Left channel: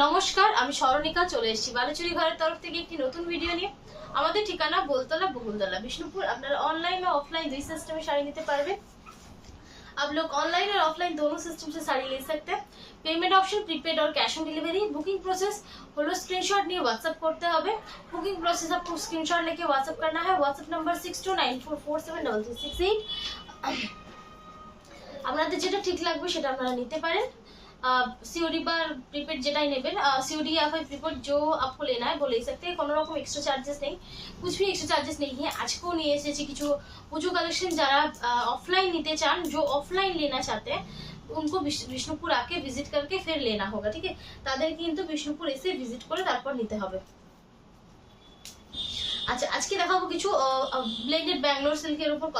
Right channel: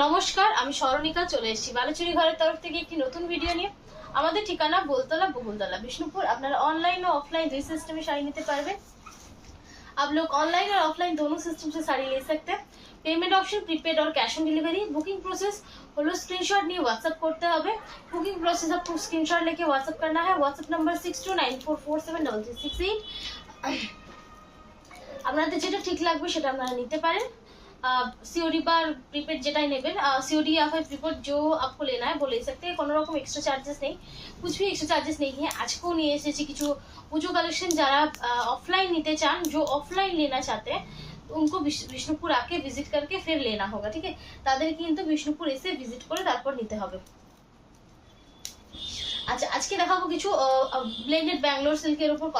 নমস্কার, আমি স্মরণিকা চলে এসেছি বালুচুরি ঘরের তরফ থেকে একটি নতুন ভিডিও নিয়ে। আমাদের ঠিকানা बोलतला बगुलतला विष्णुपुर। আপনারা ऑनलाइन और ऑफलाइन দুই সিস্টেমে শাড়ি নিতে পারবেন। आप लोग ऑनलाइन और ऑफलाइन दोनों सिस्टम से साड़ी ले सकते हैं। पेमेंट ऑप्शन प्रीपेड और cash on delivery. Booking process হলো স্ক্রিনশট নিয়ে হোয়াটসঅ্যাপ করতে হবে। বুকিং প্রসেস आपको स्क्रीनशॉट लेके व्हाट्सएप करना है। WhatsApp number 6294473368। আপনাদের যেটা ঠিক লাগবে সেটা আপনারা নিতে পারেন। सीओडी बार प्रीपेड जेटाई नेबेन सीओडी या फिर प्रीपेड जो आपको लेना है वो ले सकते हैं। कोनो रकम एक्स्ट्रा चार्जेस नहीं, कुछ भी एक्स्ट्रा चार्जेस नहीं है। আজকেও নিয়ে এসেছি কিছু পুজো কালেকশন। যারা অফলাइन নিতে চান, जो ऑफलाइन लेना चाहते हैं उनको विष्णुपुर आके विजिट करके फिर लेना होगा, ठीक है। তাদের কিন্তু বিষ্ণুপুর এসে ভিজিট করে তারপর নিতে হবে। अच्छा, आज के দেখাবো কিছু ब्लेंडेड बैंगलोर सिल्केर ऊपर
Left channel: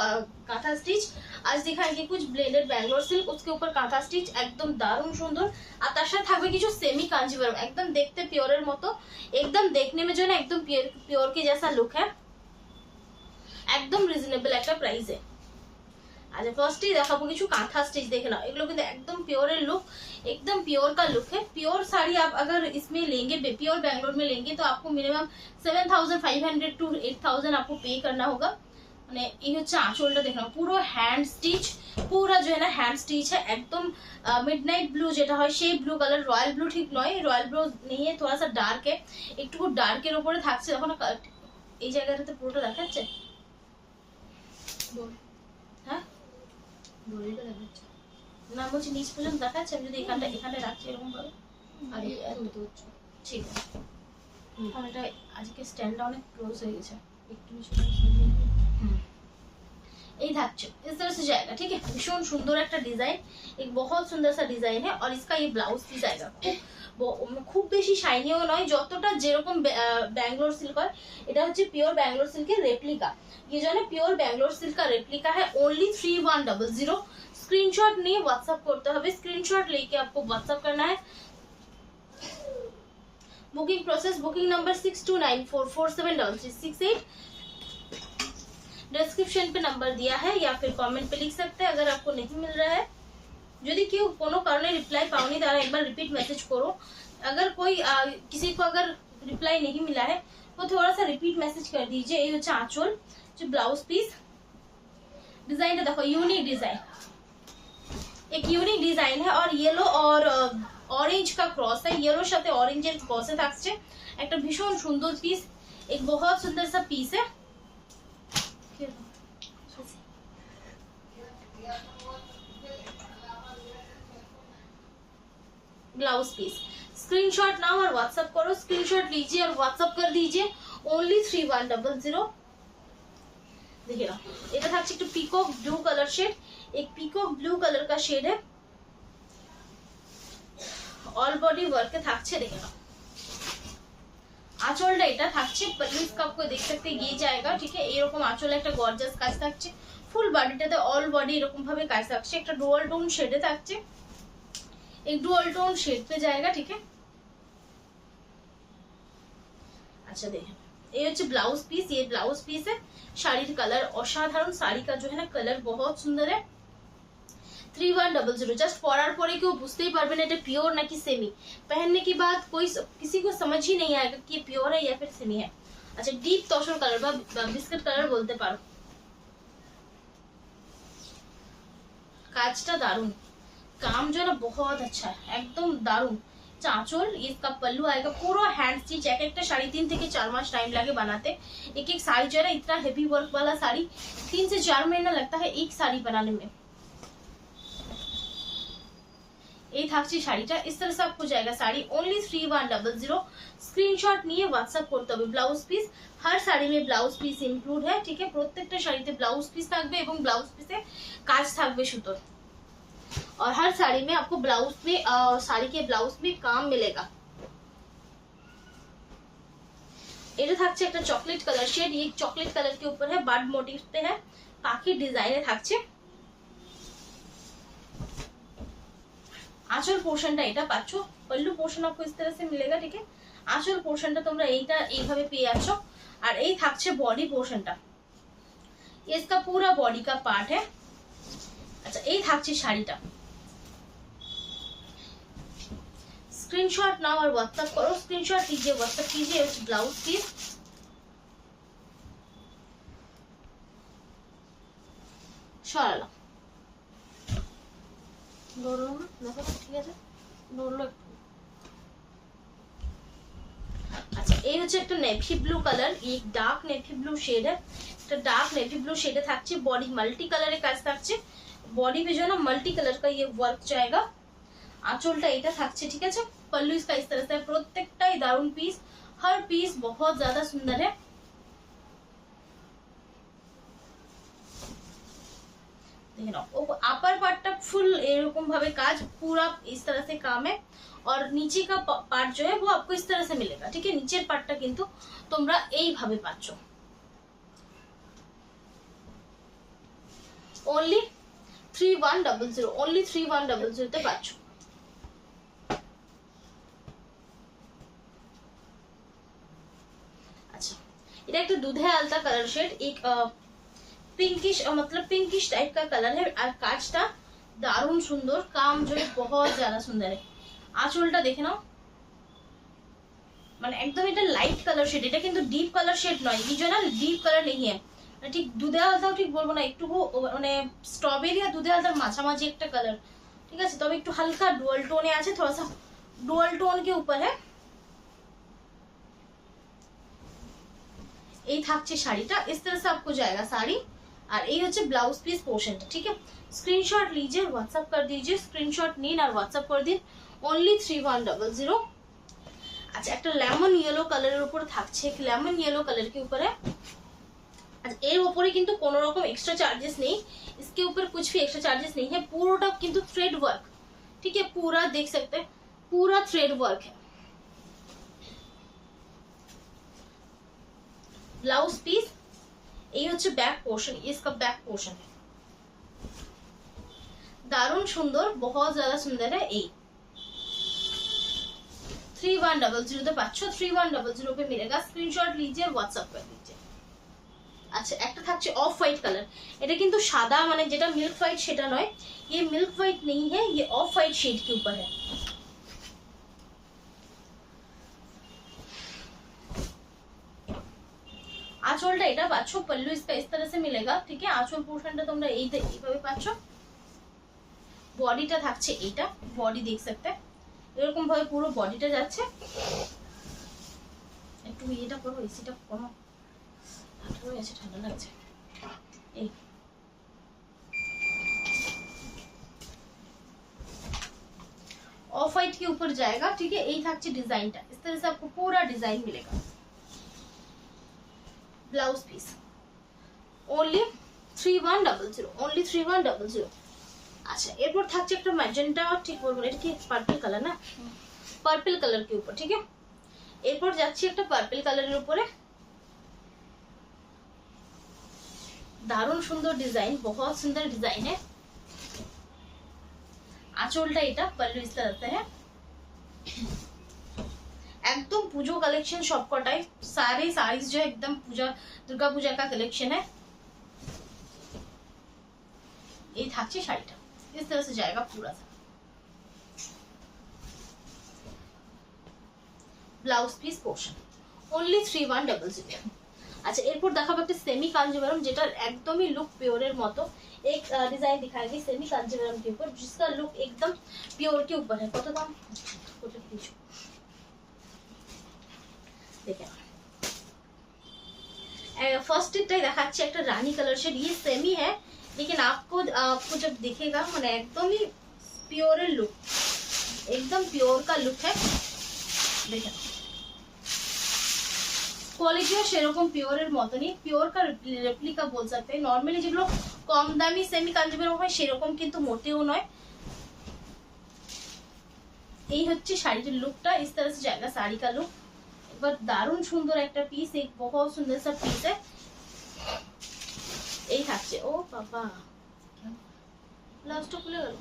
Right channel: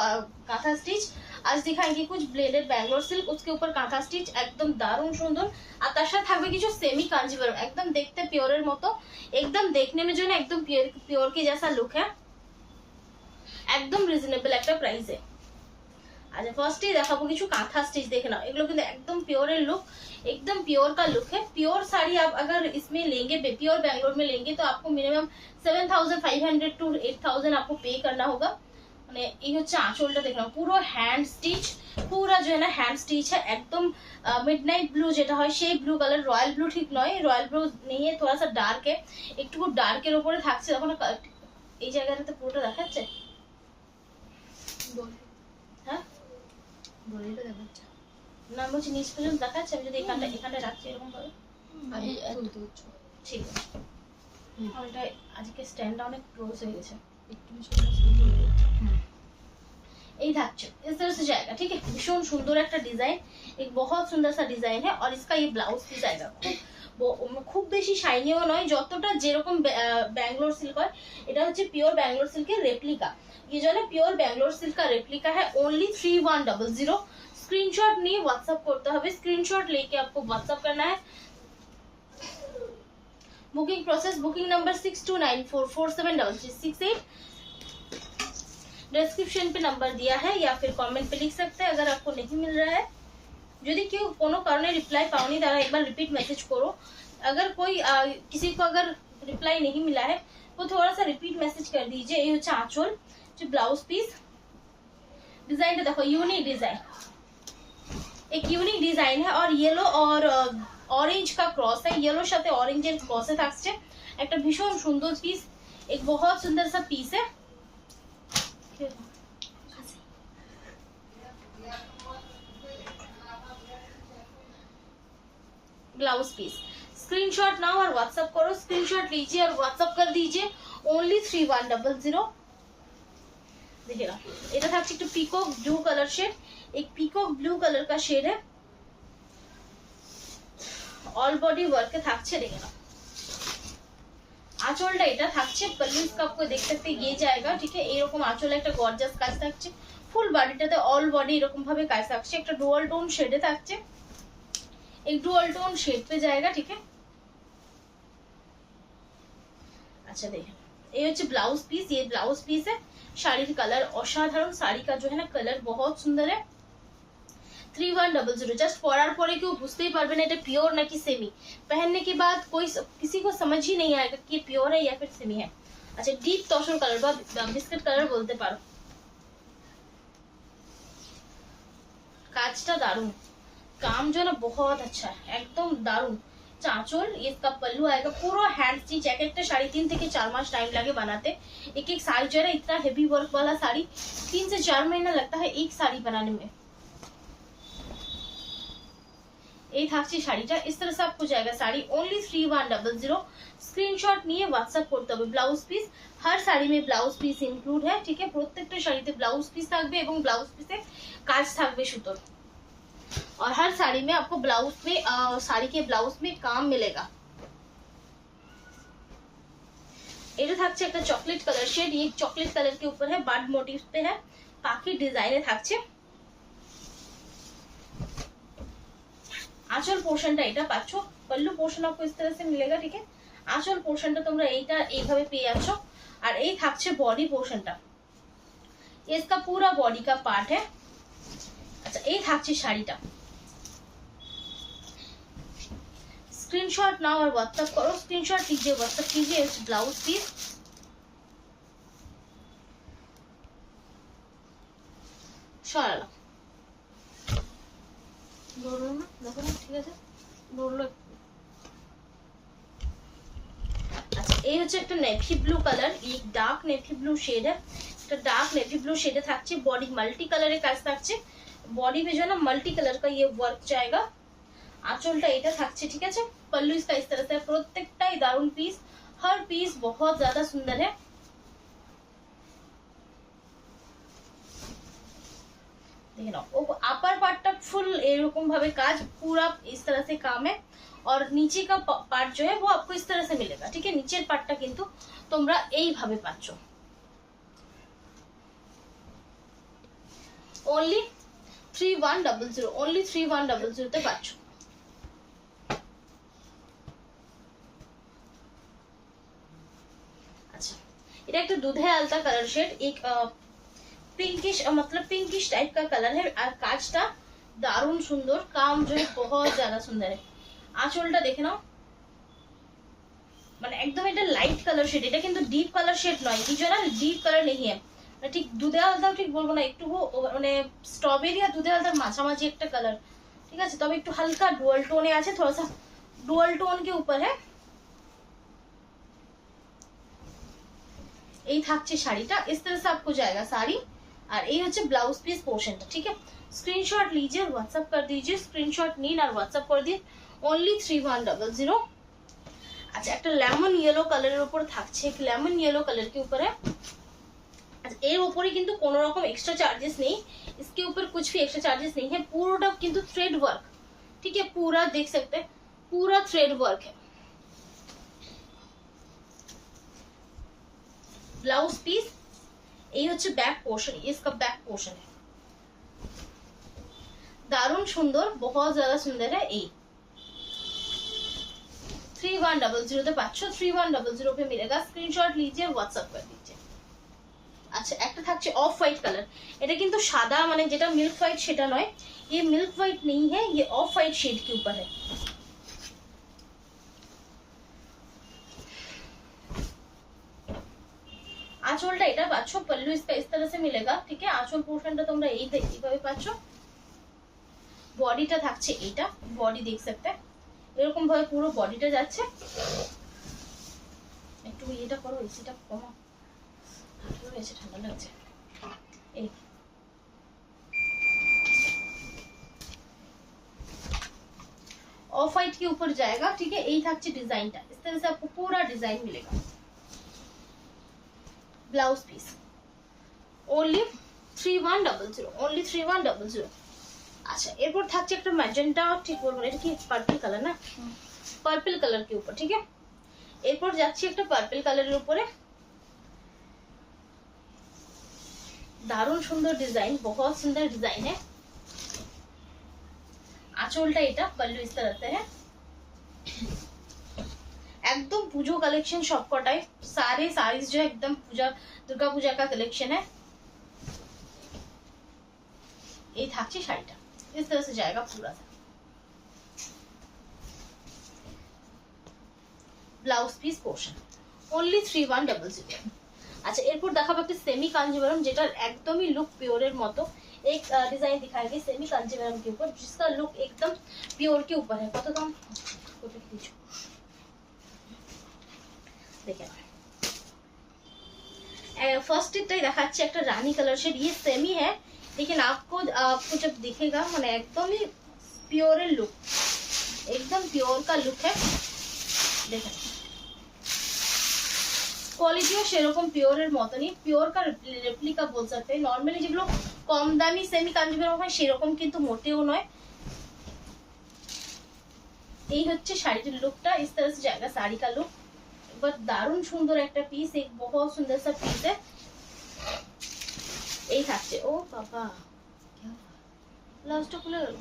कांथा स्टिच। आज दिखाएंगे कुछ ब्लेंडेड बैंगलोर सिल्क, उसके ऊपर कांथा स्टिच एकदम दारुण सुंदर। আর তার সাথে থাকবে কিছু सेमी कांजीवरम, एकदम देखते प्योरेर मतो, एकदम देखने में जो ना एकदम प्योर के जैसा लुक है। एकदम रिजनेबल একটা প্রাইসে। अच्छा, फर्स्ट ही দেখাবো কিছু কাঁথা স্টিচ। দেখে নাও, এগুলো কিন্তু একদম प्योरेर लुक, एकदम प्योर का लुक है। प्योर साड़ी आप अगर इसमें लेंगे, प्योर बैंगलोर में लेंगे तो आपको मिनिमम 7500 टू 8000 आपको पे करना होगा। মানে এই হচ্ছে আঁচলটা। দেখো পুরো হ্যান্ড স্টিচ, পুরো जो है ना हैंड स्टिच है। एकदम मिडनाइट ब्लू যেটা হয় সেই ব্লু কালার, রয়্যাল ব্লু ঠিক নয়, রয়্যাল ব্লু नहीं है, थोड़ा सा डार्क है। একটু ডার্কের উপরে থাকছে। দেখো না এই জায়গাটাতে পুরোটা দেখাচ্ছে। হ্যাঁ, বলিটা দেখাচ্ছে না, বলছি নিচ পর্যন্ত দেখাচ্ছে। আমি যদি এখানে রাখি এরকম ভাবে, ঠিক আছে। আর এটা আজকে স্ট্যান্ডটা অনেক ক্লোজ হয়ে গেছে, একটু এই থাকছে इस तरह से जाएगा, ठीक है। भीषण सुंदर একটা ডিজাইন, एक बहुत सुंदर सा डिजाइन है। और इसका ये ब्लाउज पीस आएगा। খুব বেশি শাইনিও নয়, যতটা যেরকম बैंगलोर सिल्क হয়। এটা হচ্ছে পিওর बैंगलोर सिल्क এর রেপ্লিকা। ये जो है ना प्योर बैंगलोर सिल्क का रेप्लिका है। ओनली 3100। स्क्रीनशॉट नहीं व्हाट्सएप करते হবে। स्क्रीनशॉट लेके आपको व्हाट्सएप करना है। Booking process, booking number 6294473368। Description पे नंबर दिया है या फिर कमेंट पे लिख सकते हैं अगर आपको नहीं मिल रहा है। যদি কেউ কোনো কারণে রিপ্লাই পাওনি তারা একবার रिपीट मैसेज करो। अगर कोई किसी को अगर रिप्लाई नहीं मिला है तो थोड़ा सा रिपीट मैसेज कर दीजिए। ये হচ্ছে আঁচল, जो ब्लाउज पीस। डिजाइन देखो, यूनिक डिजाइन, एक यूनिक डिजाइन है। और येलो और ऑरेंज का क्रॉस है। येलोर সাথে অরেঞ্জের ক্রসে থাকছে একটা ভীষণ সুন্দর পিস। एक बहुत सुंदर सा पीस है। Blouse piece. स्क्रीनशॉट नाउ और व्हाट्सएप करो। स्क्रीनशॉट लीजिए और व्हाट्सएप कर दीजिए। ओनली 3100। देखिएगा, এটা থাকছে একটু পিকক ব্লু কালার শেড। एक পিকক ব্লু কালার का शेड है। ऑल बॉडी वर्क থাকছে। देखिएगा আঁচলটা এটা থাকছে। पल्लू इसका आपको देख सकते हैं, ये जाएगा, ठीक है। এরকম আঁচলে একটা গর্জাস কাজ থাকছে। ফুল বডিটাতে অল বডি এরকম ভাবে কাজ থাকছে। একটা ডুয়াল টোন শেডে থাকছে। एक डुअल टोन शेड पे जाएगा, ठीक है। अच्छा देखिए, ये হচ্ছে ब्लाउज पीस। ये ब्लाउज पीस है। শাড়ির কালার অসাধারণ। শাড়ি का जो है ना कलर बहुत सुंदर है। 3100। जस्ट পরার পরে কেউ বুঝতেই পারবে না এটা পিওর নাকি সেমি। पहनने के बाद कोई किसी को समझ ही नहीं आएगा कि ये प्योर है या फिर सेमी है। अच्छा, डीप तसर कलर বা বিস্কিট কালার বলতে পারো। কাজটা দারুণ, काम जो ना बहुत अच्छा है, एकदम दारुण। चांचोल, इसका पल्लू आएगा पूरा हैंड स्टिच। एक एक साड़ी 3 থেকে 4 मास टाइम लगे बनाते। एक एक साड़ी जो है ना इतना हेवी वर्क वाला साड़ी 3 से 4 महीना लगता है एक साड़ी बनाने में। এই থাকছে শাড়িটা। इस तरह से आपको जाएगा साड़ी। ओनली 3100। स्क्रीनशॉट নিয়ে व्हाट्सएप করতে হবে। ब्लाउज पीस, हर साड़ी में ब्लाउज पीस इंक्लूड है, ठीक है। প্রত্যেকটা শাড়িতে ব্লাউজ পিস থাকবে এবং ব্লাউজ পিসে কাজ থাকবে সুতোর। और हर साड़ी में आपको ब्लाउज में साड़ी के ब्लाउज में काम मिलेगा। এটা থাকছে একটা চকলেট কালার শেড। ये चॉकलेट कलर के ऊपर है, बर्ड मोटिव पे है, काफी डिजाइन থাকছে। आंचल পোর্শনটা এটা পাচ্ছো। पल्लू पोर्शन आपको इस तरह से मिलेगा, ठीक है। आंचल পোর্শনটা তোমরা এইটা এইভাবে পেয়ে যাচ্ছো। আর এই থাকছে বডি পোর্শনটা। इसका पूरा बॉडी का पार्ट है। अच्छा, এই থাকছে শাড়িটা। स्क्रीनशॉट नाउ और व्हाट्सएप करो, स्क्रीनशॉट कीजिए, व्हाट्सएप कीजिए। ब्लाउज पीस সরালাম, ধরলো না, দেখো না, ঠিক আছে ধরলো। আচ্ছা এই হচ্ছে একটা নেভি ব্লু কালার, এই ডার্ক নেভি ব্লू शेड है, এটা ডার্ক নেভি ব্লू शेड থাকছে, বডি মাল্টি কালারে কাজ থাকছে, बॉडी पे जो ना मल्टी कलर का ये वर्क जाएगा। आंचलটা এটা থাকছে, ঠিক আছে। पल्लू इसका इस तरह से, প্রত্যেকটাই দারুন পিস, हर पीस बहुत ज्यादा सुंदर है। देखिए ना, अपर पार्ट फुल एरकम भावे काज, पूरा इस तरह से काम है, और नीचे का पार्ट जो है वो आपको इस तरह से मिलेगा, ठीक है। नीचे पार्टটা কিন্তু তোমরা এই ভাবে পাচ্ছ। ओनली 3100, ओनली 3100 তে পাচ্ছ। अच्छा এটা একটা দুধে আলতা কালার শেড, एक पिंकिश मतलब पिंकिश टाइप का कलर है, और काजটা दारुण सुंदर, काम जो है बहुत ज्यादा सुंदर है। आंचलটা দেখে নাও, মানে একদম এটা লাইট কালার শেড, এটা কিন্তু ডিপ কালার শেড নয়, এই জন্য ডিপ কালার नहीं है, ঠিক দুধে আলতাও ঠিক বলবো না, একটু মানে স্ট্রবেরি আর দুধে আলতার মাঝামাঝি একটা কালার, ঠিক আছে। তবে একটু হালকা ডুয়াল টোনে আছে, थोड़ा सा डुअल टोन के ऊपर है। এই থাকছে শাড়িটা, इस तरह से आपको जाएगा साड़ी, और এই হচ্ছে ব্লাউজ পিস পোর্শনটা, ঠিক है। स्क्रीनशॉट लीजिए, व्हाट्सएप कर दीजिए, स्क्रीनशॉट নিন আর व्हाट्सएप कर দিন, ओनली 3100। अच्छा একটা লেমন ইয়েলো কালারের উপর থাকছে, एक लेमन येलो कलर के ऊपर है। अच्छा এর উপরে কিন্তু কোনো রকম এক্সট্রা চার্जेस नहीं, इसके ऊपर कुछ भी एक्स्ट्रा चार्जेस नहीं है, पूरा কিন্তু थ्रेड वर्क, ठीक है, पूरा देख सकते हैं, पूरा थ्रेड वर्क है। ब्लाउज पीस এই হচ্ছে ব্যাক পোর্শন, इसका बैक पोर्शन है, दारुण सुंदर, बहुत ज्यादा सुंदर है। এই 3100 তে পাচ্ছ, 3100 पे मिलेगा, स्क्रीनशॉट लीजिए, व्हाट्सएप कर दीजिए। আচ্ছা একটা থাকছে অফ হোয়াইট কালার, এটা কিন্তু সাদা মানে যেটা মিল্ক হোয়াইট সেটা নয়, ये मिल्क व्हाइट नहीं है, ये ऑफ व्हाइट शेड के ऊपर है। आंचलটা এটা পাচ্ছ, पल्लू इसका इस तरह से मिलेगा, ठीक है। आंचल पोर्शनটা তোমরা এইভাবে পাচ্ছ, বডিটা থাকছে এইটা, বডি দেখ सकते हैं, এরকম ভাবে পুরো বডিটা যাচ্ছে। একটু এটা করো, এসিটা কমা, ঠান্ডা হয়ে আছে, ঠান্ডা লাগছে। এই ऑफ व्हाइट के ऊपर जाएगा, ठीक है। यही থাকছে ডিজাইনটা, इस तरह से आपको पूरा डिजाइन मिलेगा। Blouse piece only 3100, only 3100। अच्छा এরপর থাকছে একটা ম্যাজেন্টা, ঠিক বলবো এটা কি পার্পল কালার না, পার্পল কালার के ऊपर, ठीक है। এরপর যাচ্ছি একটা পার্পল কালারের উপরে, दारुण सुंदर डिजाइन, बहुत सुंदर डिजाइन है। आंचलটা এটা, पल्लू इस तरह से है, एकदम पूजो कलेक्शन सबकटाई, सारे साड़ीज जो है एकदम पूजा, दुर्गा पूजा का कलेक्शन है। ये থাকছে শাড়িটা, इस तरह से जाएगा पूरा सा। Blouse piece portion only 3100। अच्छा এরপর দেখাবো একটা সেমি কাঞ্জিভারম, যেটার একদমই লুক পিওরের মতো। एक डिजाइन दिखाएंगे सेमी कांजीवरम के ऊपर, जिसका लुक एकदम प्योर के ऊपर है। कत दाम देखें, फर्स्ट टिकटाई देखाচ্ছি একটা রানী कलर शेड, ये सेमी है, लेकिन आपको जब दिखेगा মানে একদমই পিওরের लुक, एकदम प्योर का लुक है। देखें क्वालिटी সেরকম পিওরের মতনই, পিওর का রেপ্লিকা बोल सकते हैं। नॉर्मली যেগুলো কম দামি সেমি কাঞ্জিভারম হয় সেরকম কিন্তু মোটেও নয়। এই হচ্ছে শাড়িটির লুকটা, इस तरह से जाएगा साड़ी का लुक। एक बार दारुण सुंदर একটা পিস, एक बहुत सुंदर सा পিস है। এই থাকছে, ও বাবা লাস্টটা খুলে গেল।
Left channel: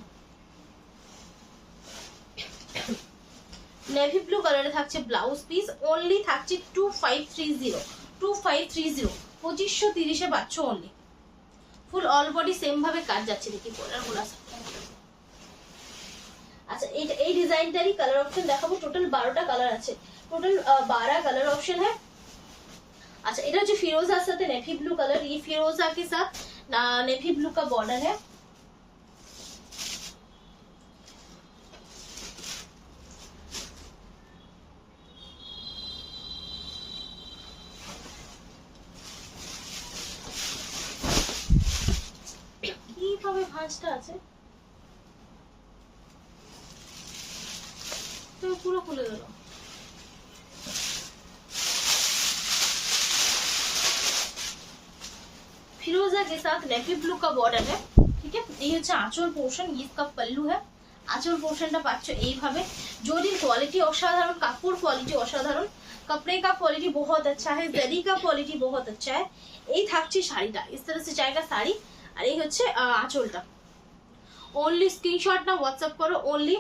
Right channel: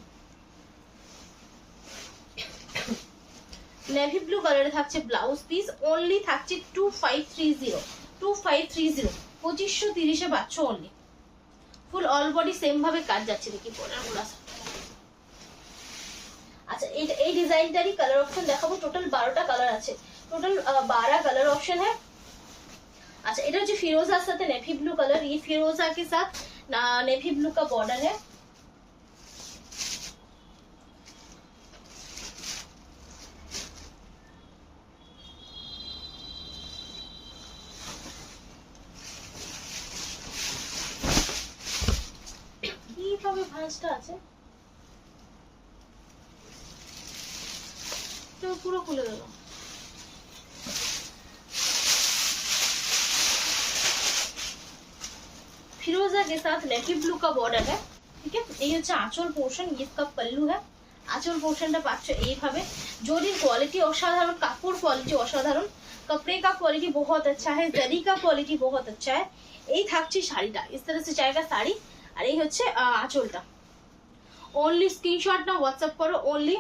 नेवी ब्लू কালারে থাকছে ব্লাউজ পিস, ओनली থাকছে 2530, 2530, 2530 এ পাচ্ছ ओनली। ফুল অল বডি সেম ভাবে কাজ যাচ্ছে, দেখি পরার গুলা। আচ্ছা এই ডিজাইনটারই কালার অপশন দেখাবো। টোটাল 12টা কালার আছে, টোটাল 12 कलर ऑप्शन है। अच्छा এটা হচ্ছে ফিরোজার সাথে নেভি ব্লু কালার, ये फिरोजा के साथ नेवी ब्लू का बॉर्डर है। কিভাবে ভাঁজটা আছে তো পুরো খুলে দিলাম। फिरोजा के साथ नेवी ब्लू का बॉर्डर है, ठीक है। ये হচ্ছে আঁচল পোর্শন, ये इसका पल्लू है। আঁচল পোর্শনটা পাচ্ছ এইভাবে। জরির কোয়ালিটি অসাধারণ, কাপড় কোয়ালিটি অসাধারণ, कपड़े का क्वालिटी बहुत अच्छा है, जरी का क्वालिटी बहुत अच्छा है। এই থাকছে শাড়িটা, इस तरह से जाएगा শাড়ি। আর এই হচ্ছে আঁচলটা। ओनली स्क्रीनशॉट ना व्हाट्सएप करो, ओनली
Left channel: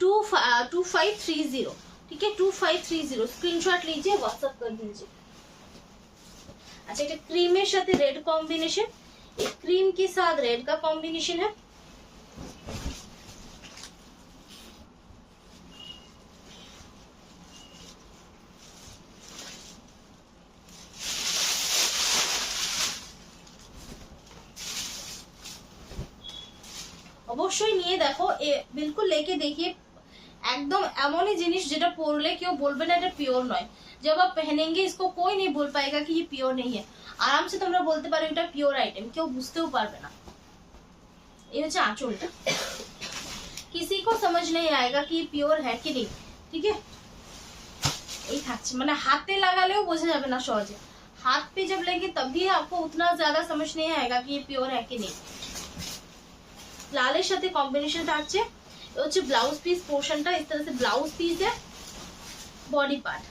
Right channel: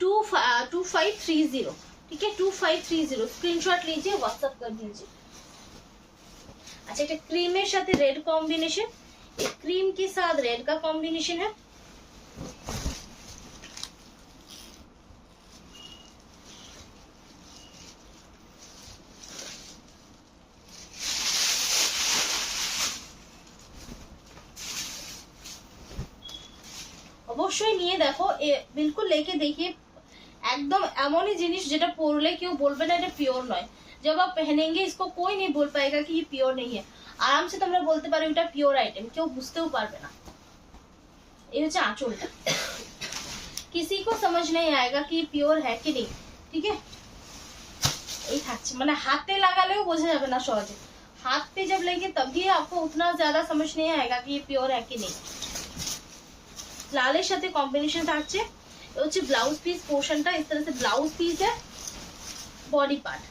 2530, ठीक है 2530 स्क्रीनशॉट लीजिए, व्हाट्सएप कर दीजिए। अच्छा এটা ক্রিমের সাথে রেড কম্বিনেশন, এই ক্রিম के साथ रेड का कॉम्बिनेशन है। অবশ্যই নিয়ে দেখো, বিলকুল লেকে দেখিए, একদম এমনই জিনিস যেটা পরলে কেউ বলবে না এটা পিওর নয়। जब आप पहनेंगे इसको कोई नहीं बोल पाएगा कि ये प्योर नहीं है, आराम से তোমরা বলতে পারো এটা পিওর আইটেম, কেউ বুঝতেও পারবে না। এই হচ্ছে আঁচলটা, किसी को समझ नहीं आएगा कि ये प्योर है कि नहीं, ठीक है। এই থাকছে, মানে হাতে লাগালেও বোঝা যাবে না সহজে, हाथ पे जब लेंगे तभी आपको उतना ज्यादा समझ नहीं आएगा कि ये प्योर है कि नहीं। লালের সাথে কম্বিনেশন থাকছে। ये হচ্ছে ব্লাউজ পিস পোর্শনটা, इस तरह से ब्लाउज पीस है। बॉडी पार्ट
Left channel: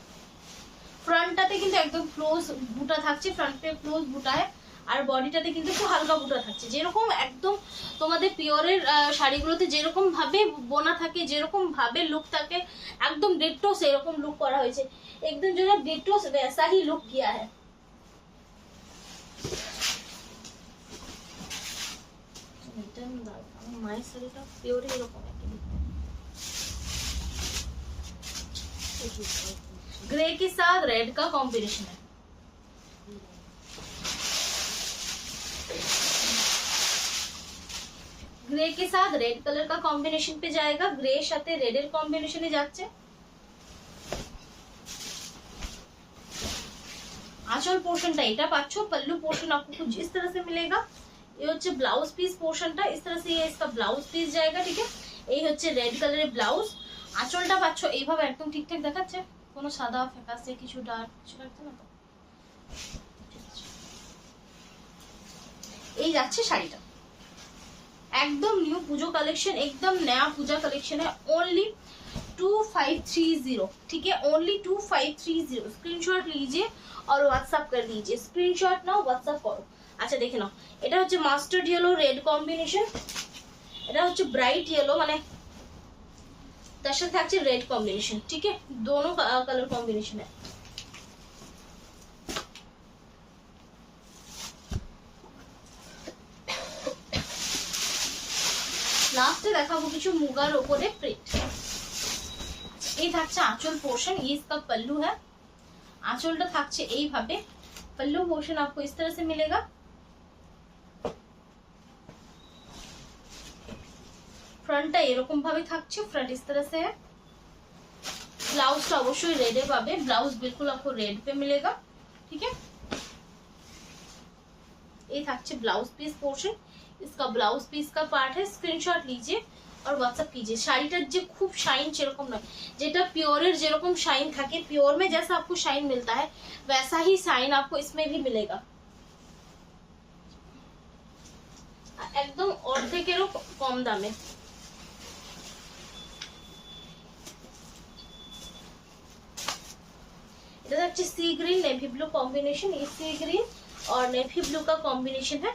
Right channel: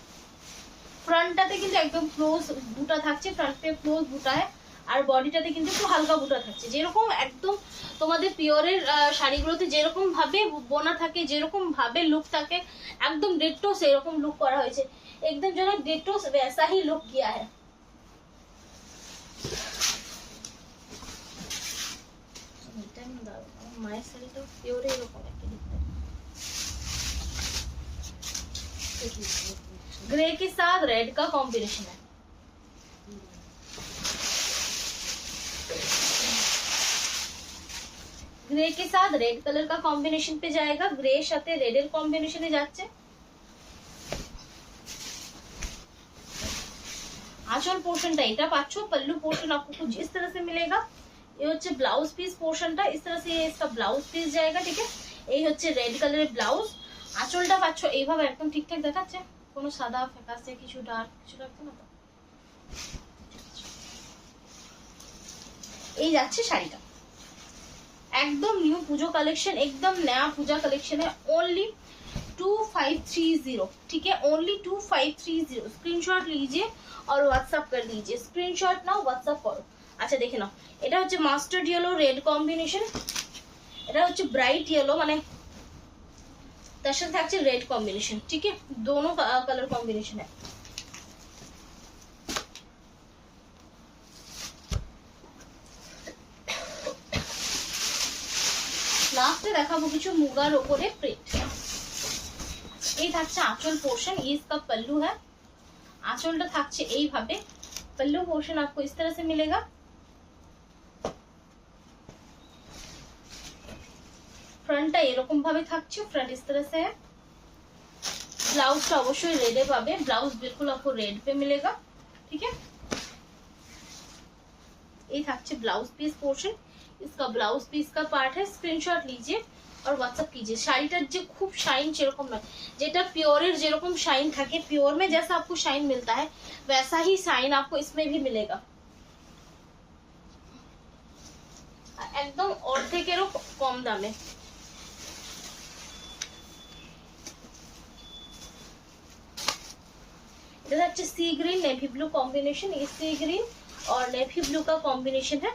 ফ্রন্টটাতে কিন্তু একদম ক্লোজ বুটা থাকছে, ফ্রন্ট পে ক্লোজ বুটা है, আর বডিটাতে কিন্তু একটু হালকা বুটা থাকছে। যেরকম একদম তোমাদের পিওরের শাড়িগুলোতে যেরকম ভাবে বোনা থাকে, যেরকম ভাবে লুক থাকে, একদম ডিটো সেরকম লুক করা হয়েছে, একদম যেন ডিটো वैसा ही लुक किया है। মায়ের শাড়িটা পিওরে এরকম একটা ग्रे के साथ रेड का कॉम्बिनेशन है। ग्रे के साथ रेड कलर का कॉम्बिनेशन पे जाएगा, ग्रे साथे रेड कॉम्बिनेशन जाচ্ছে। आंचल पोर्शनটা এটা পাচ্ছ, पल्लू पोर्शन आपको कुछ इस तरह से मिलेगा। ये হচ্ছে ब्लाउज पीस पोर्शनটা, इस तरह से ये इसका ब्लाउज पीस जाएगा, ठीक है। এই হচ্ছে রেড কালারের ব্লাউজ। আঁচলটা পাচ্ছ এইভাবে একদম ঠিকঠাক দেখাচ্ছে, কোনো সাদা ফ্যাকাসে কিছু ডার্ক কিছু লাগছে না তো। এই যাচ্ছে শাড়িটা, একদম নিউ পুজো कलेक्शन, एकदम नया पूजा कलेक्शन है। ओनली 2530, ठीक है, ओनली 2530। स्क्रीनशॉट लीजिए और व्हाट्सएप कर दीजिए, स्क्रीनशॉट नाও व्हाट्सएप करो। আচ্ছা দেখে নাও, এটা হচ্ছে মাস্টার্ড ইয়েলো রেড কম্বিনেশন, এটা হচ্ছে ব্রাইট ইয়েলো, মানে তার সাথে থাকছে রেড কম্বিনেশন, ठीक है, दोनों कलर कॉम्बिनेशन है। লাস্টে দেখাবো কিছু মুগার উপরে প্রিন্ট। এই থাকছে আঁচল পোর্শন, ये इसका पल्लू है। আঁচলটা থাকছে এইভাবে, पल्लू पोर्शन आपको इस तरह से मिलेगा। ফ্রন্টটা এরকম ভাবে থাকছে, फ्रंट इस तरह से है। ब्लाउज অবশ্যই রেডে পাবে, ब्लाउज बिल्कुल आपको रेड पे मिलेगा, ठीक है। ये থাকছে ब्लाउज पीस पोर्शन, इसका ब्लाउज पीस का पार्ट है। स्क्रीनशॉट लीजिए और व्हाट्सएप कीजिए। শাড়িটার যে খুব শাইন সেরকম নয়, যেটা পিওরের যেরকম শাইন থাকে, পিওর में जैसा आपको शाइन मिलता है वैसा ही शाइन आपको इसमें भी मिलेगा, একদম অর্ধেকেরও কম দামে। इधर अच्छे सी ग्रीन नेवी ब्लू कॉम्बिनेशन, ये सी ग्रीन और नेवी ब्लू का कॉम्बिनेशन है।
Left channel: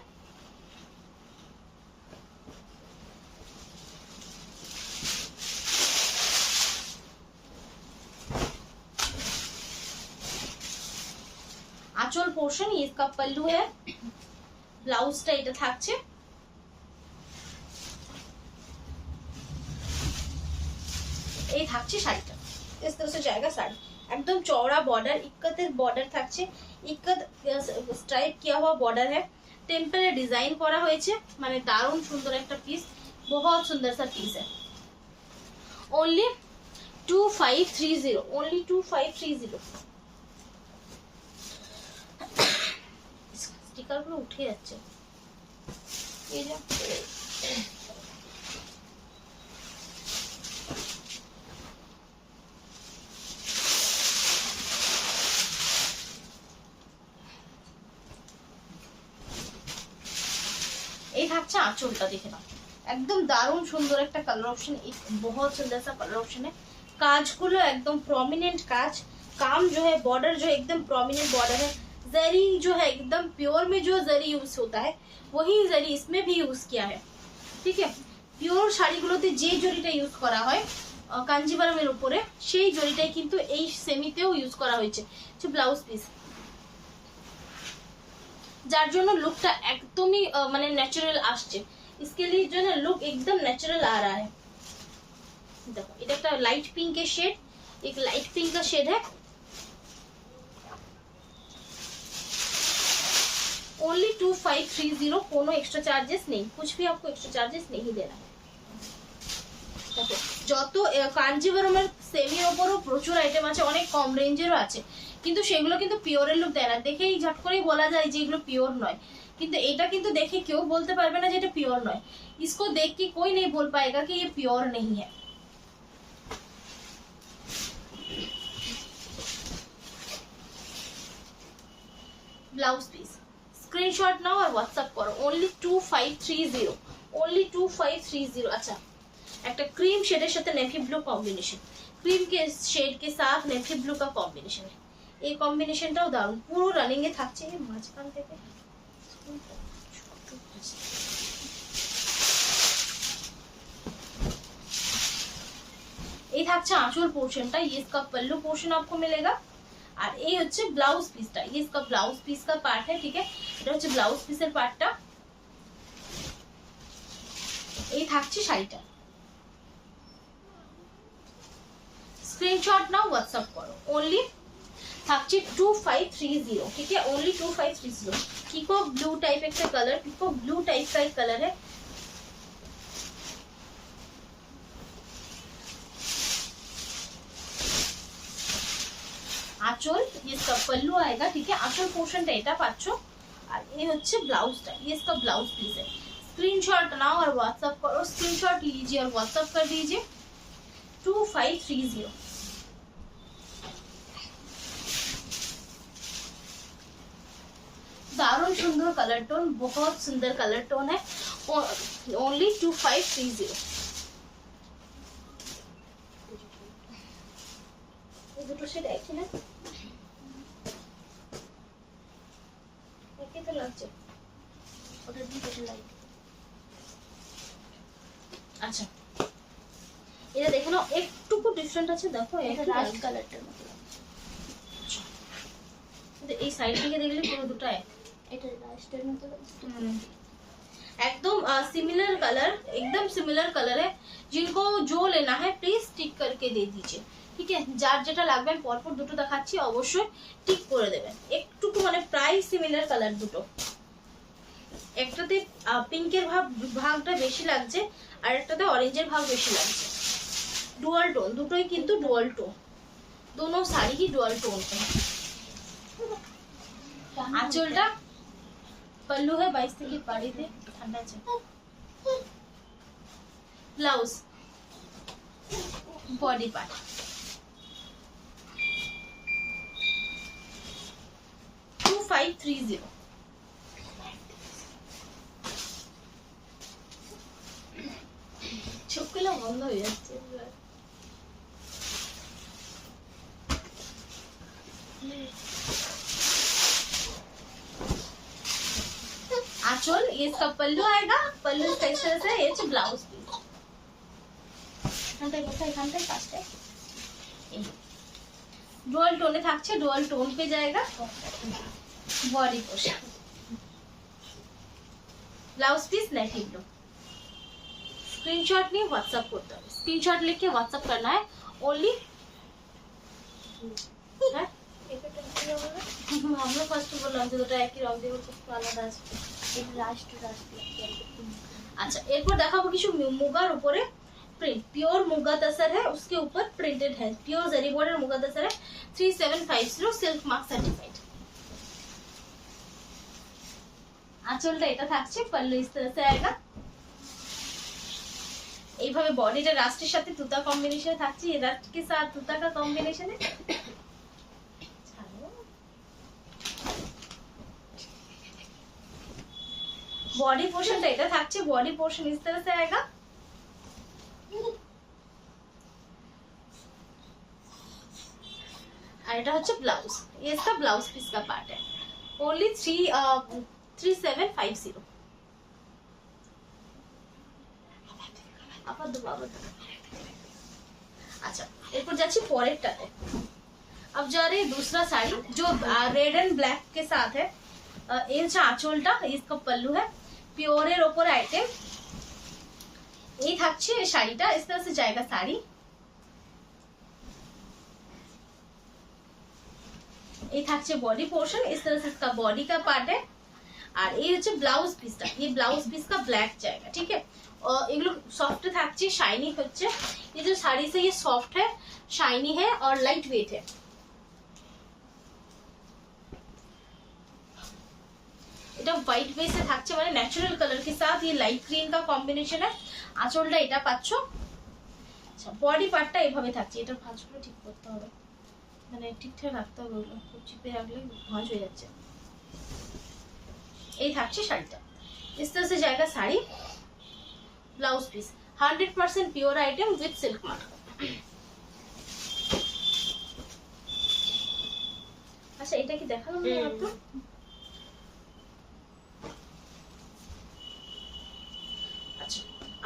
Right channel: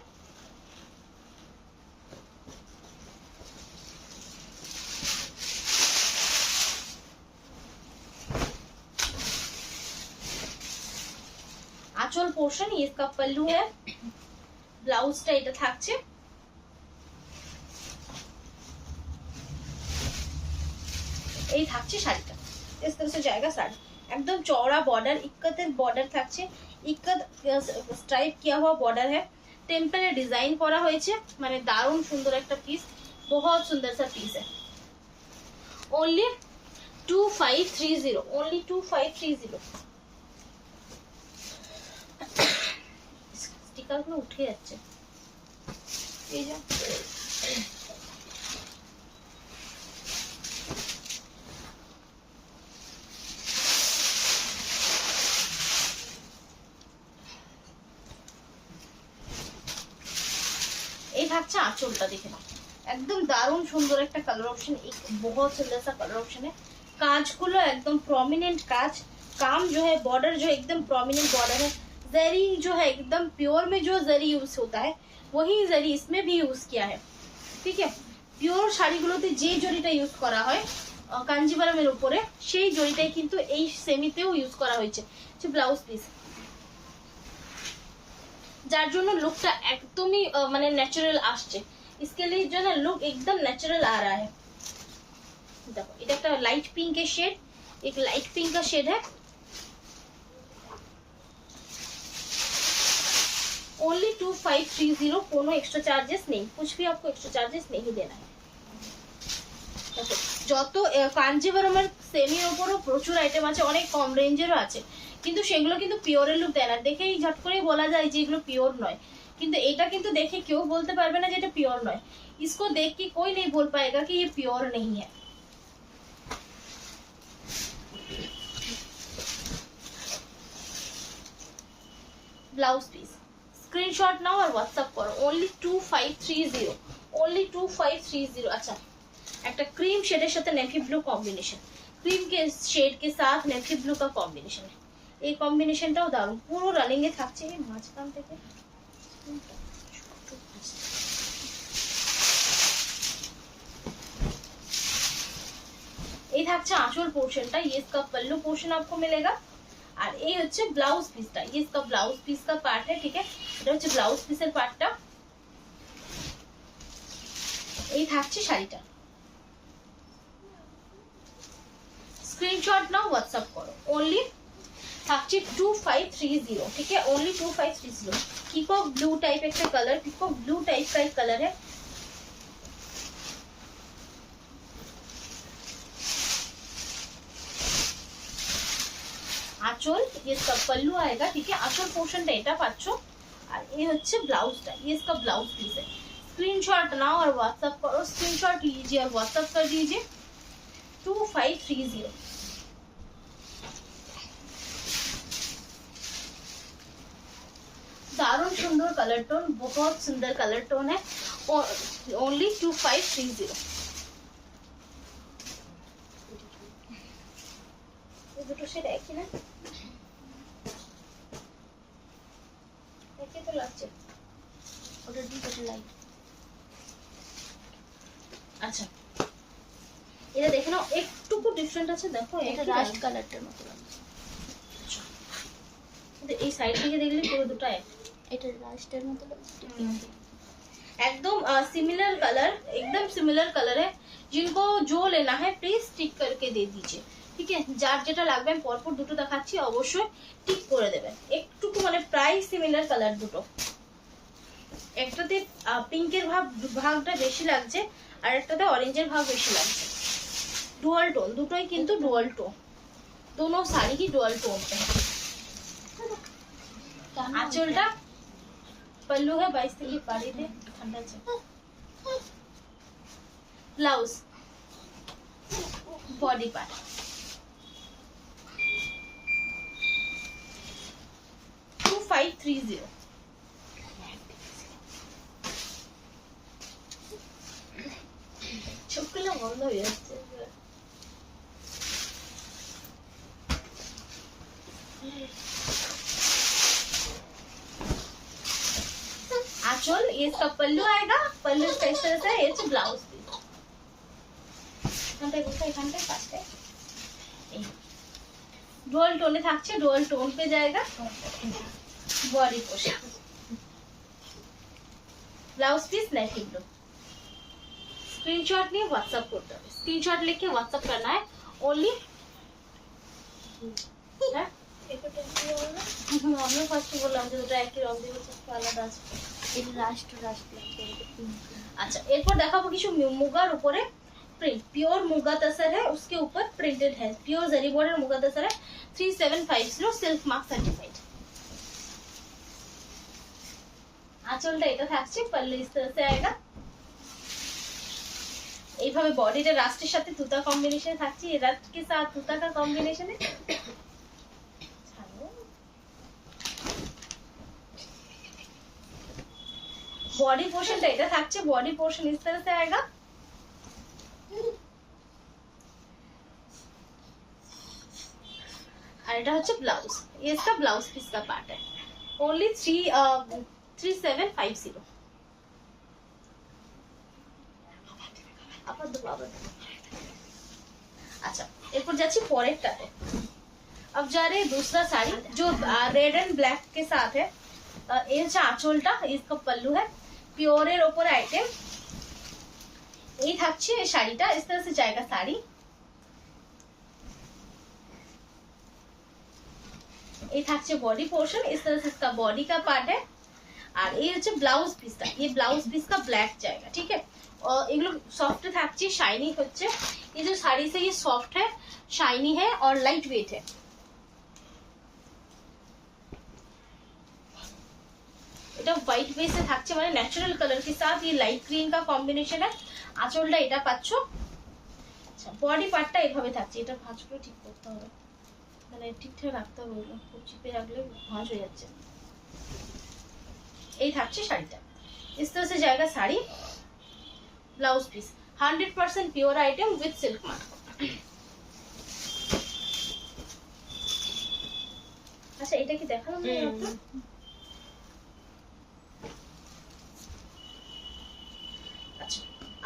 आंचल पोर्शन, ये इसका पल्लू है, ब्लाउजটা এটা থাকছে। এই থাকছে শাড়িটা, इस तरह से जाएगा শাড়ি, একদম চওড়া বর্ডার, ইক্কতের বর্ডার থাকছে, ইক্কত স্ট্রাইপ কিয়া हुआ বর্ডার है, টেম্পলে ডিজাইন করা হয়েছে, মানে দারুণ সুন্দর একটা পিস, बहुत सुंदर सा पीस है। Only 2530, only 2530। স্টিকার গুলো উঠে যাচ্ছে, এই যে এই থাকছে আঁচলটা, দেখে নাও एकदम दारुण सुंदर एक कलर ऑप्शन, एक बहुत सुंदर सा कलर ऑप्शन है। कांच को एकदम प्रोमिनेंट कांच, काम जो है बॉर्डर जो एकदम प्रोमिनेंट बॉर्डर है, जरी जो है एकदम प्योर में जो जरी यूज होता है वही जरी इसमें भी यूज किया है, ठीक है। प्योर শাড়িগুলোতে যে জরিটা ইউজ করা হয় কাঞ্জিভারমের উপরে, সেই জরিটাই কিন্তু এই সেমিতেও ইউজ করা হয়েছে। ব্লাউজ পিস, যার জন্য লুকটা একদমই মানে ন্যাচারাল আসছে, इसके लिए जो है ना लुक एकदम नेचुरल आ रहा है। देखो এটা একটা লাইট পিঙ্কের শেড, एक लाइट पिंक का शेड है, ओनली 2530, कोनो एक्स्ट्रा चार्जेस नहीं, कुछ भी आपको एक्स्ट्रा चार्जेस नहीं देना है। দেখো যত কাঞ্জিভারমের সেমির উপরও প্রচুর আইটেম আছে, অনেক কম রেঞ্জেরও আছে, কিন্তু সেগুলো কিন্তু পিওরের লুক দেয় না, দেখেই ঝট করেই বলা যায় যে এগুলো পিওর নয়, কিন্তু এটা কিন্তু দেখে কেউ বলতে পারবে না যে এটা পিওর নয়, इसको देख के कोई नहीं बोल पाएगा कि ये प्योर नहीं है। ब्लाउज पीस स्क्रीनशॉट नाउ और व्हाट्सएप करो, ओनली 2530, ओनली 2530। अच्छा एक क्रीम शेडर साथे नेवी ब्लू कॉम्बिनेशन, क्रीम के शेड के साथ नेवी ब्लू का कॉम्बिनेशन है, ये कॉम्बिनेशनटाও দারুণ, পুরো রানিং এ থাকছে। এই মাঝখান থেকে এই থাকছে আঁচল পোর্শনটা, ये इसका पल्लू पोर्शन आपको मिलेगा, আর এই হচ্ছে ব্লাউজ পিসটা, ये इसका ब्लाउज पीस का पार्ट है, ठीक है। এটা হচ্ছে ব্লাউজ পিসের পার্টটা, এই থাকছে শাড়িটা। স্ক্রিনশট নাও, হোয়াটসঅ্যাপ করো, ओनली থাকছে 2530, ठीक है, ओनली 2530। पीकॉक ब्लू टाइप एक कलर, पीकॉक ब्लू टाइप का एक कलर है, आंचल ये इसका पल्लू आएगा, ठीक है, आंचल पोर्शनটা এটা পাচ্ছো, আর এই হচ্ছে ব্লাউজটা, ये इसका ब्लाउज पीस है। स्क्रीनशॉट नाउ और व्हाट्सएप करो, स्क्रीनशॉट लीजिए और व्हाट्सएप कर दीजिए 2530। दारुण सुंदर कलर टोन, बहुत सुंदर कलर टोन है, ओनली 2530। ये দুটো শেড একই না, একই তো লাগছে, ওটা দুটো লাইট। আচ্ছা এটা দেখে নাও, একটুকু ডিফারেন্ট আছে, দেখো এটা রাস্ট কালারটার মতো লাগছে, কিন্তু এই সাইড থেকে দেখলে পুরো দুটো এক, এটা রাস্টের মতো লাগছে, एकदम सिमिलर कलर, एकदम सिमिलर कलर है। जिनको जो लेना है प्लीज टिक करके दे दीजिए, ठीक है। যার যেটা লাগবে আমি পরপর দুটো দেখাচ্ছি, অবশ্যই টিক করে দেবেন। একটুকু মানে প্রায় সিমিলার কালার দুটো, একটাতে পিঙ্কের ভাগটা বেশি লাগছে আর একটাতে অরেঞ্জের ভাগ বেশি লাগছে, ডুয়াল টোন, দুটোই কিন্তু ডুয়াল টোন, दोनों साड़ी ही डुअल टोन पे है। आंचलটা पल्लू है 22 থেকে বাড়িতে ঠান্ডা আছে। Blouse body part $2530। চোখগুলো বন্ধ হয়ে যাচ্ছে। आंचल ये इसका पल्लू आएगा, पल्लू इस तरह से, ये ब्लाउज पीस डुअल टोने থাকছে, ডুয়াল টোন पे जाएगा, बॉडी पोर्शन ब्लाउज पीस नेक ब्लू। स्क्रीनशॉट लिए व्हाट्सएप करते हैं, स्क्रीनशॉट लेके व्हाट्सएप करना है ओनली হ্যাঁ আমরা ফার্স্টে বললাম যে দুটো একই রং দিয়ে একটু আলাদা আছে। अच्छा एरपर देखाबो किछु मुगार ऊपर प्रिंट प्योर मुगा तसर है उसके ऊपर प्रिंटेड है प्योर जरी बॉर्डर मुगा तसर है 3750 सिल्क मार्क सर्टिफाइड। आंचलটা এটা থাকছে पल्लू इस तरह से आएगा এইভাবে বডিটা রাস্টের সাথে তুতা কম্বিনেশনে থাকছে ये रास्ट के साथ तुता का कॉम्बिनेशन है। बॉडी पोर्शन এটা থাকছে बॉडी पोर्शन इस तरह से आएगा और এটা হচ্ছে ब्लाउज ये इसका ब्लाउज पीस का पार्ट है ओनली 3750 আপাতত বাবা। अच्छा এরপর যাচ্ছি পরেরটাতে। अब जा रही दूसरा साड़ी जो रेड एंड ब्लैक के साथ है। ये হচ্ছে আঁচলটা इसका पल्लू है प्योर এর উপর আইটেম এই থাকছে এই শাড়িটা इस तरह से जाएगा साड़ी এই থাকছে बॉडी पोर्शन इस तरह से इसका बॉडी का पार्ट है और ये হচ্ছে ब्लाउज पीसটা ये ब्लाउज पीस का ब्लैक जाएगा ठीक है। और এগুলো সফট থাকছে শাইনি হচ্ছে ये जो साड़ी से ये सॉफ्ट है शाइनी है और लाइट वेट है। এটা হোয়াইট বেসে থাকছে মানে ন্যাচারাল কালার के साथ ये लाइट ग्रीन का কম্বিনেশন है। আঁচলটা এটা পাচ্ছো। আচ্ছা বডি পার্টটা এইভাবে থাকছে এটা ভাঁজগুলো ঠিক করতে হবে মানে ঠিকঠাক রাখতে হবে ওগুলো খুব চিপে রাখলে ভাঁজ হয়ে যাচ্ছে। এই থাকছে শাড়িটা इस तरह से जाएगा sari blouse piece 100% pure item with silk mark. अच्छा এটা কি দেখালাম না আপনি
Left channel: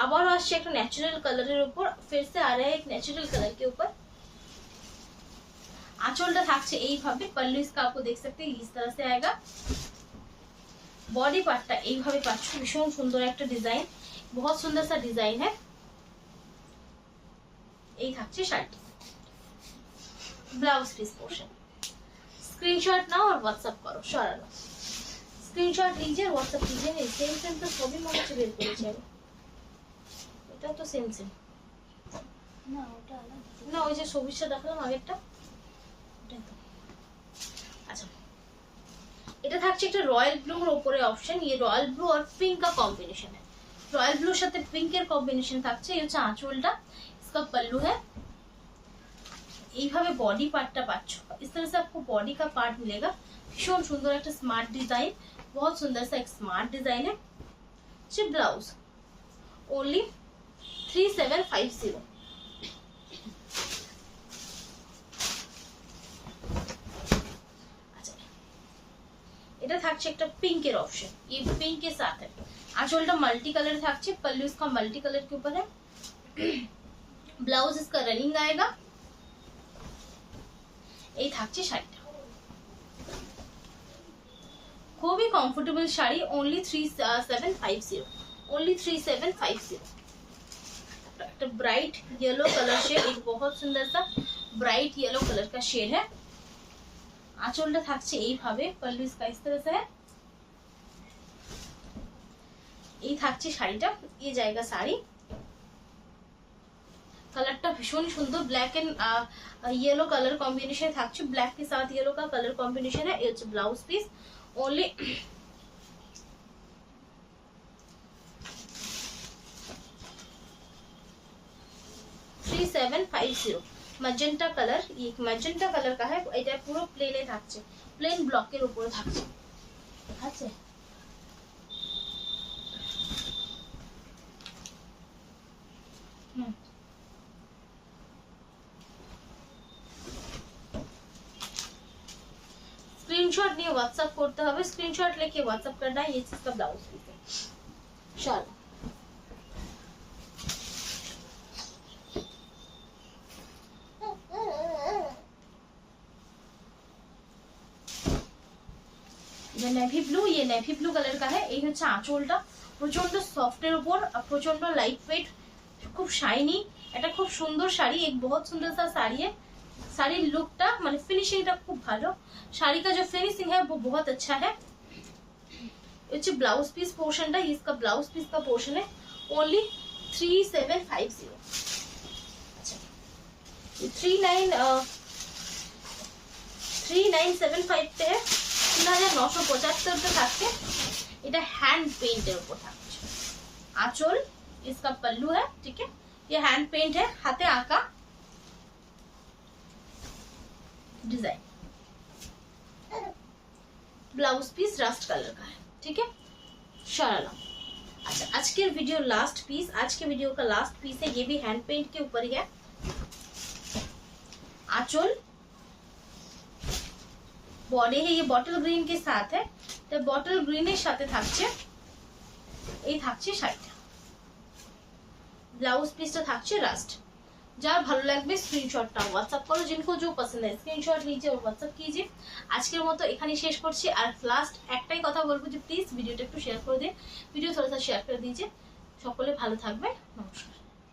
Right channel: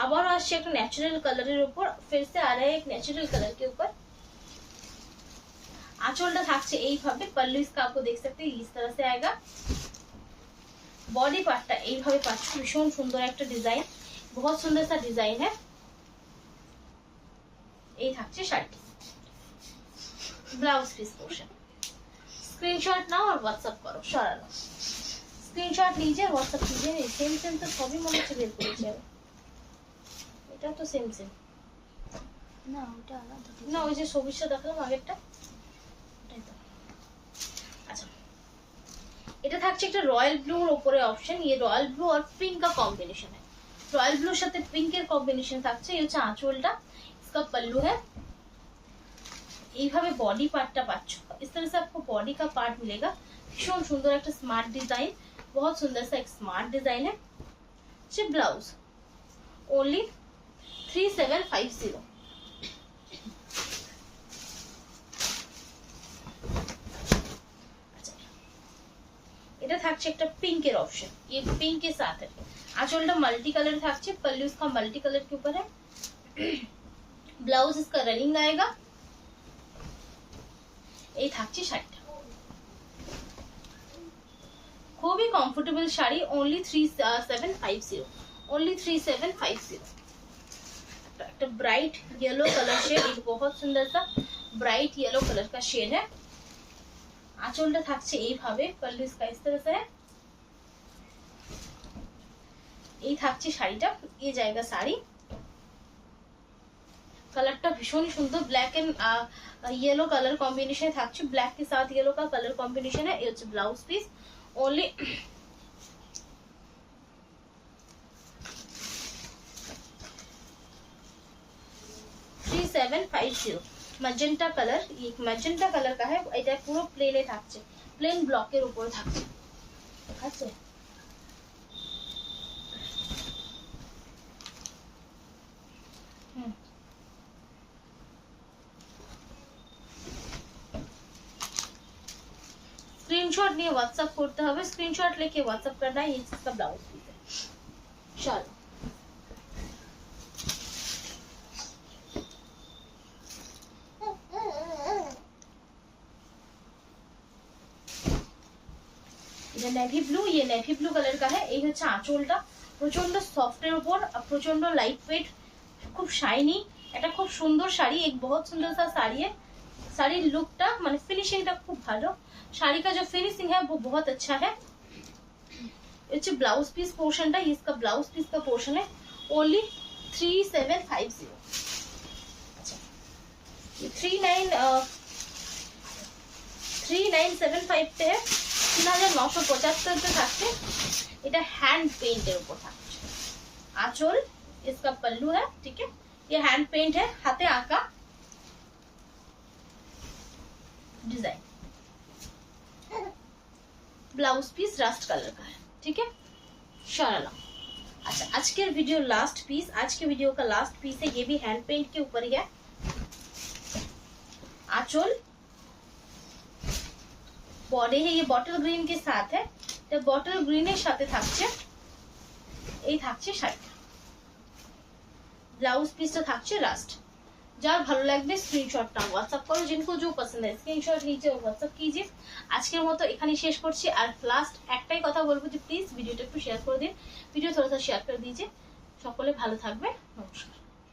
अब और एक नेचुरल कलर ऊपर फिर से आ रहा है एक नेचुरल कलर के ऊपर आंचलটা থাকছে এইভাবে पल्लू इसका आपको देख सकते हैं इस तरह से आएगा। बॉडी पार्टটা এইভাবে পাচ্ছ ভীষণ সুন্দর একটা ডিজাইন बहुत सुंदर सा डिजाइन है। এই থাকছে শাড়িটি ब्लाउज पीस पोर्शन स्क्रीनशॉट नाओ और व्हाट्सएप करो सरानो स्क्रीनशॉट लीजिए व्हाट्सएप कीजिए सेम सेम तो सभी মনে হচ্ছে বের করে যাবে এটা তো সেম সেম না ওটা আলাদা না ওই যে সবুজটা দেখালাম আগেরটা ওটাই তো। আচ্ছা এটা থাকছে একটা রয়্যাল ব্লুর উপরে অপশন ये रॉयल ब्लू और पिंक का कॉम्बिनेशन है रॉयल ब्लू সাথে পিঙ্কের কম্বিনেশন থাকছে এই হচ্ছে আঁচলটা इसका पल्लू है এইভাবে বডি পার্টটা পাচ্ছ इस तरह से आपको बॉडी का पार्ट मिलेगा भीषण सुंदर একটা स्मार्ट डिजाइन बहुत सुंदर सा एक स्मार्ट डिजाइन है। ये ब्लाउज ओनली 3750। अच्छा এটা থাকছে একটা পিঙ্কের অপশন ये पिंक के साथ है आंचलটা मल्टी कलर থাকছে पल्लू इसका मल्टी कलर के ऊपर है ब्लाउज इसका रनिंग आएगा এই থাকছে শাড়িটা খুবই কমফোর্টেবল শাড়ি ओनली 3750 ओनली 3750। একটা ब्राइट येलो कलर शेड एक बहुत सुंदर सा ब्राइट येलो कलर का शेड है। आंचलটা থাকছে এইভাবে पल्लू इसका इस तरह से है এই থাকছে শাড়িটা এই জায়গা শাড়ি कलरটা ভীষণ সুন্দর black and yellow colour combination থাকছে ब्लैक के साथ येलो का कलर कॉम्बिनेशन है। ये blouse piece only 3750 magenta colour ये मैजेंटा कलर का है এটা পুরো প্লেনে থাকছে প্লেন ব্লকের উপরে থাকছে আছে। स्क्रीनशॉट नहीं व्हाट्सएप करते हैं स्क्रीनशॉट लेके व्हाट्सएप करना है ये इसका ब्लाउज पीस है। चलो ये नेवी ब्लू कलर का है এই হচ্ছে আঁচলটা প্রচন্ড সফট এর উপর প্রচন্ড লাইট ওয়েট খুব শাইনি এটা খুব সুন্দর শাড়ি, एक बहुत सुंदर सा साड़ी है। শাড়ির লুকটা মানে ফিনিশিংটা খুব ভালো, শাড়ি का जो फिनिशिंग है वो बहुत अच्छा है। ये ब्लाउज पीस पोर्शन है, इसका ब्लाउज पीस का पोर्शन है ओनली 3750। अच्छा 3975 पे है, 3975 पे থাকছে। এটা হ্যান্ড পেইন্টের উপর থাকছে। आंचल इसका पल्लू है, ठीक है, ये हैंड पेंट है, हाथे आका design. Blouse piece rust colour का है, ठीक है, शरारा। अच्छा आज के वीडियो लास्ट पीस, आज के वीडियो का लास्ट पीस है, ये भी हैंड पेंट के ऊपर ही है। आंचल बॉडी है, ये बॉटल ग्रीन के साथ है, तो बॉटल ग्रीনের সাথে থাকছে এই থাকছে শাড়িটা। ब्लाउज पीसটা থাকছে রাস্ট। যার ভালো লাগবে স্ক্রিনশট নাও, হোয়াটসঅ্যাপ করো, जिनको जो पसंद है स्क्रीनशॉट लीजिए और व्हाट्सएप कीजिए। আজকের মতো এখানে শেষ করছি। আর লাস্ট একটাই কথা বলবো যে প্লিজ ভিডিওটা একটু শেয়ার করে দিন, ভিডিও थोड़ा सा शेयर कर दीजिए। সকলে ভালো থাকবে, নমস্কার।